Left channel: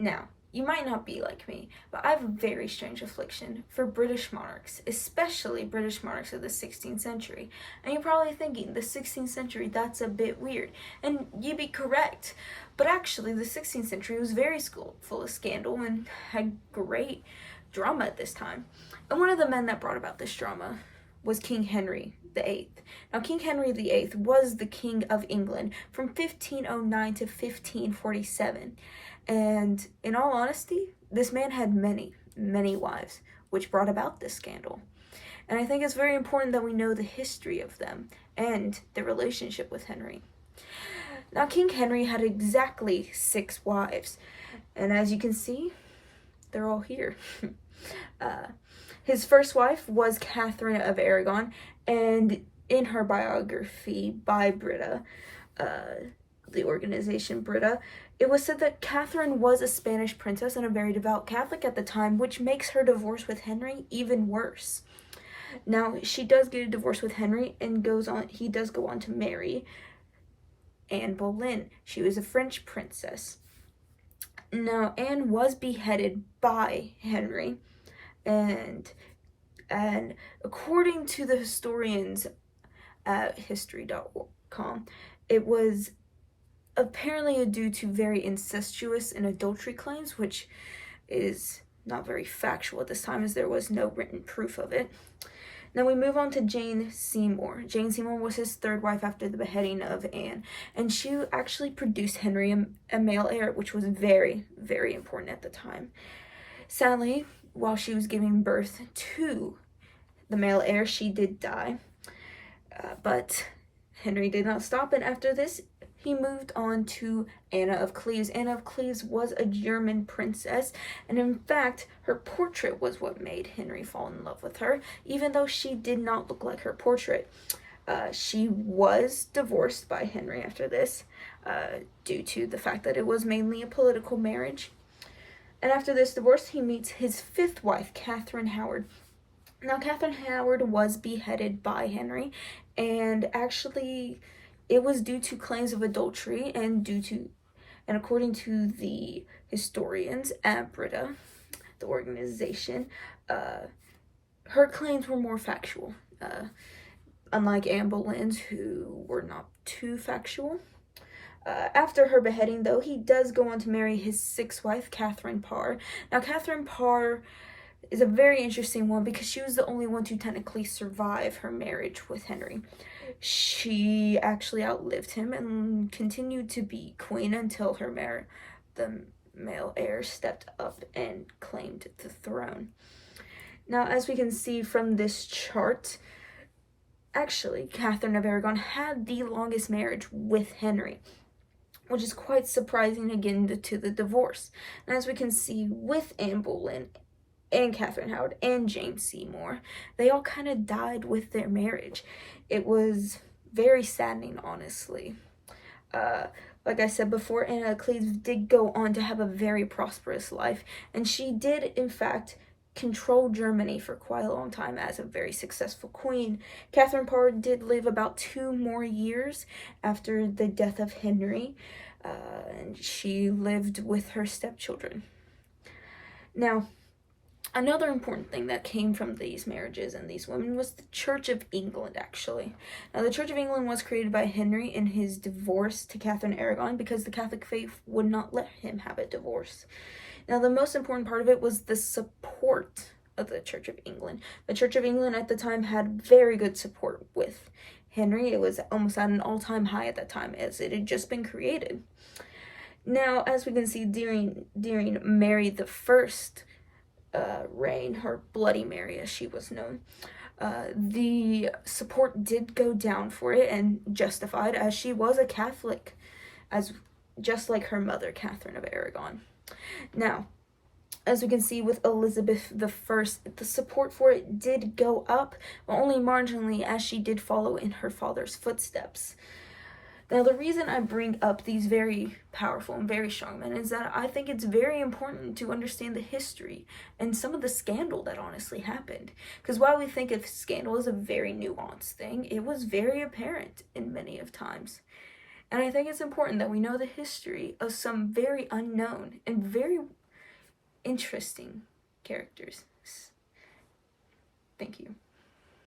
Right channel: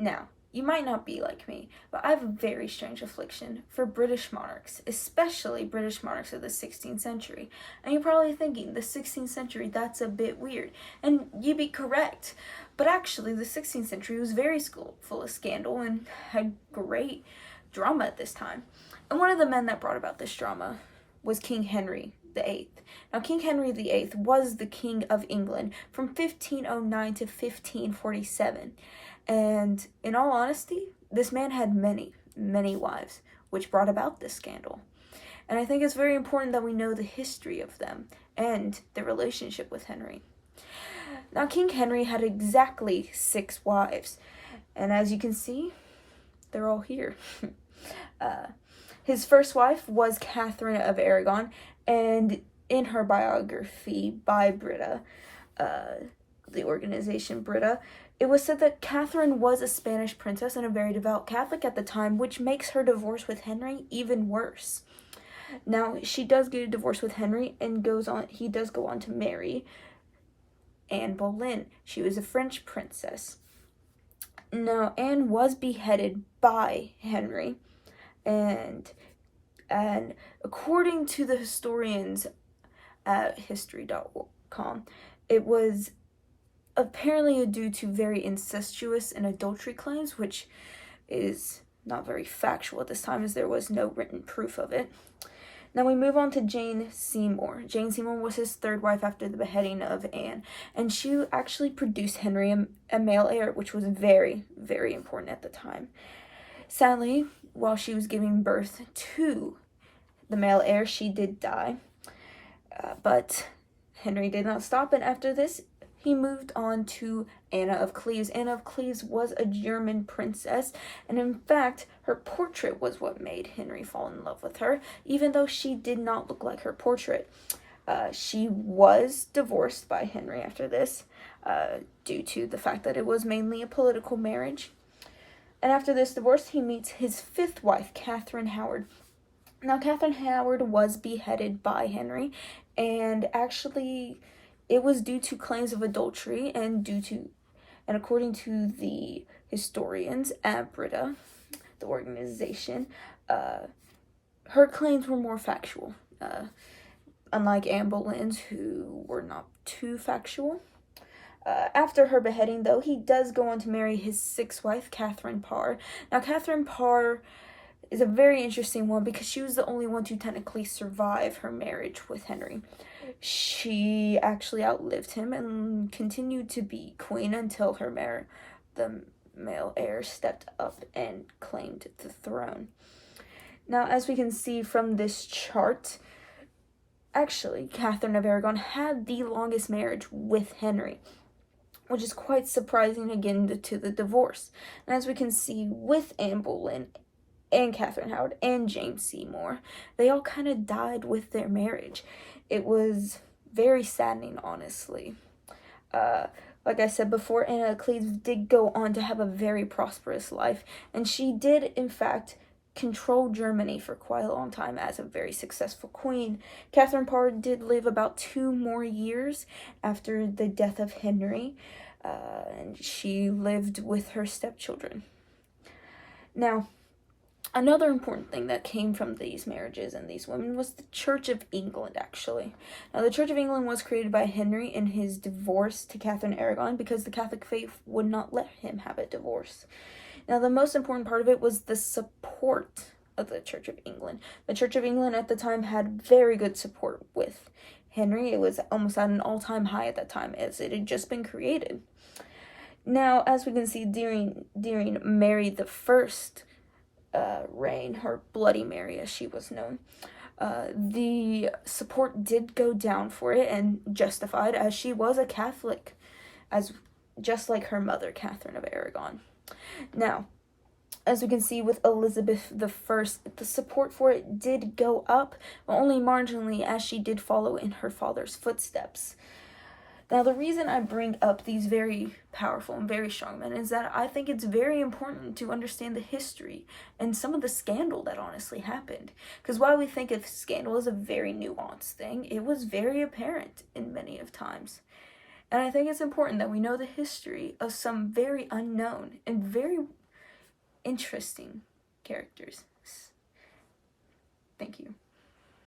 Now, you might not be like me, but I have a very strange affliction for British monarchs, especially British monarchs of the 16th century. And you're probably thinking, the 16th century, that's a bit weird. And you'd be correct. But actually, the 16th century was very full of scandal and had great drama at this time. And one of the men that brought about this drama was King Henry VIII. Now, King Henry VIII was the King of England from 1509 to 1547. And in all honesty, this man had many, many wives, which brought about this scandal. And I think it's very important that we know the history of them and their relationship with Henry. Now, King Henry had exactly 6 wives, and as you can see, they're all here. His first wife was Catherine of Aragon, and in her biography by Brita, the organization Brita, it was said that Catherine was a Spanish princess and a very devout Catholic at the time, which makes her divorce with Henry even worse. Now, she does get a divorce with Henry and he does go on to marry Anne Boleyn. She was a French princess. Now, Anne was beheaded by Henry, and according to the historians at history.com, it was apparently due to very incestuous and adultery claims, which is not very factual at this time as there was no written proof of it. Now we move on to Jane Seymour. Jane Seymour was his 3rd wife after the beheading of Anne, and she actually produced Henry a male heir, which was very, very important at the time. Sadly, while she was giving birth to the male heir, she did die, but Henry did not stop, and after this, he moved on to Anna of Cleves. Anna of Cleves was a German princess, and in fact, her portrait was what made Henry fall in love with her, even though she did not look like her portrait. She was divorced by Henry after this, due to the fact that it was mainly a political marriage. And after this divorce, he meets his 5th wife, Catherine Howard. Now, Catherine Howard was beheaded by Henry, and actually, it was due to claims of adultery and according to the historians at Brita, the organization, her claims were more factual, unlike Anne Boleyn's, who were not too factual. After her beheading, though, he does go on to marry his 6th wife, Catherine Parr. Now, Catherine Parr is a very interesting one because she was the only one to technically survive her marriage with Henry. She actually outlived him and continued to be queen until the male heir stepped up and claimed the throne. Now, as we can see from this chart, actually, Catherine of Aragon had the longest marriage with Henry, which is quite surprising again to the divorce. And as we can see with Anne Boleyn and Catherine Howard and Jane Seymour, they all kind of died with their marriage. It was very saddening, honestly. Like I said before, Anna of Cleves did go on to have a very prosperous life, and she did, in fact, control Germany for quite a long time as a very successful queen. Catherine Parr did live about 2 more years after the death of Henry, and she lived with her stepchildren. Now, another important thing that came from these marriages and these women was the Church of England, actually. Now, the Church of England was created by Henry in his divorce to Catherine Aragon because the Catholic faith would not let him have a divorce. Now, the most important part of it was the support of the Church of England. The Church of England at the time had very good support with Henry. It was almost at an all-time high at that time as it had just been created. Now, as we can see during Mary the First reign, her Bloody Mary as she was known, the support did go down for it, and justified, as she was a Catholic, just like her mother, Catherine of Aragon. Now, as we can see with Elizabeth I, the support for it did go up, but only marginally, as she did follow in her father's footsteps. Now, the reason I bring up these very powerful and very strong men is that I think it's very important to understand the history and some of the scandal that honestly happened. Because while we think of scandal as a very nuanced thing, it was very apparent in many of times. And I think it's important that we know the history of some very unknown and very interesting characters. Thank you.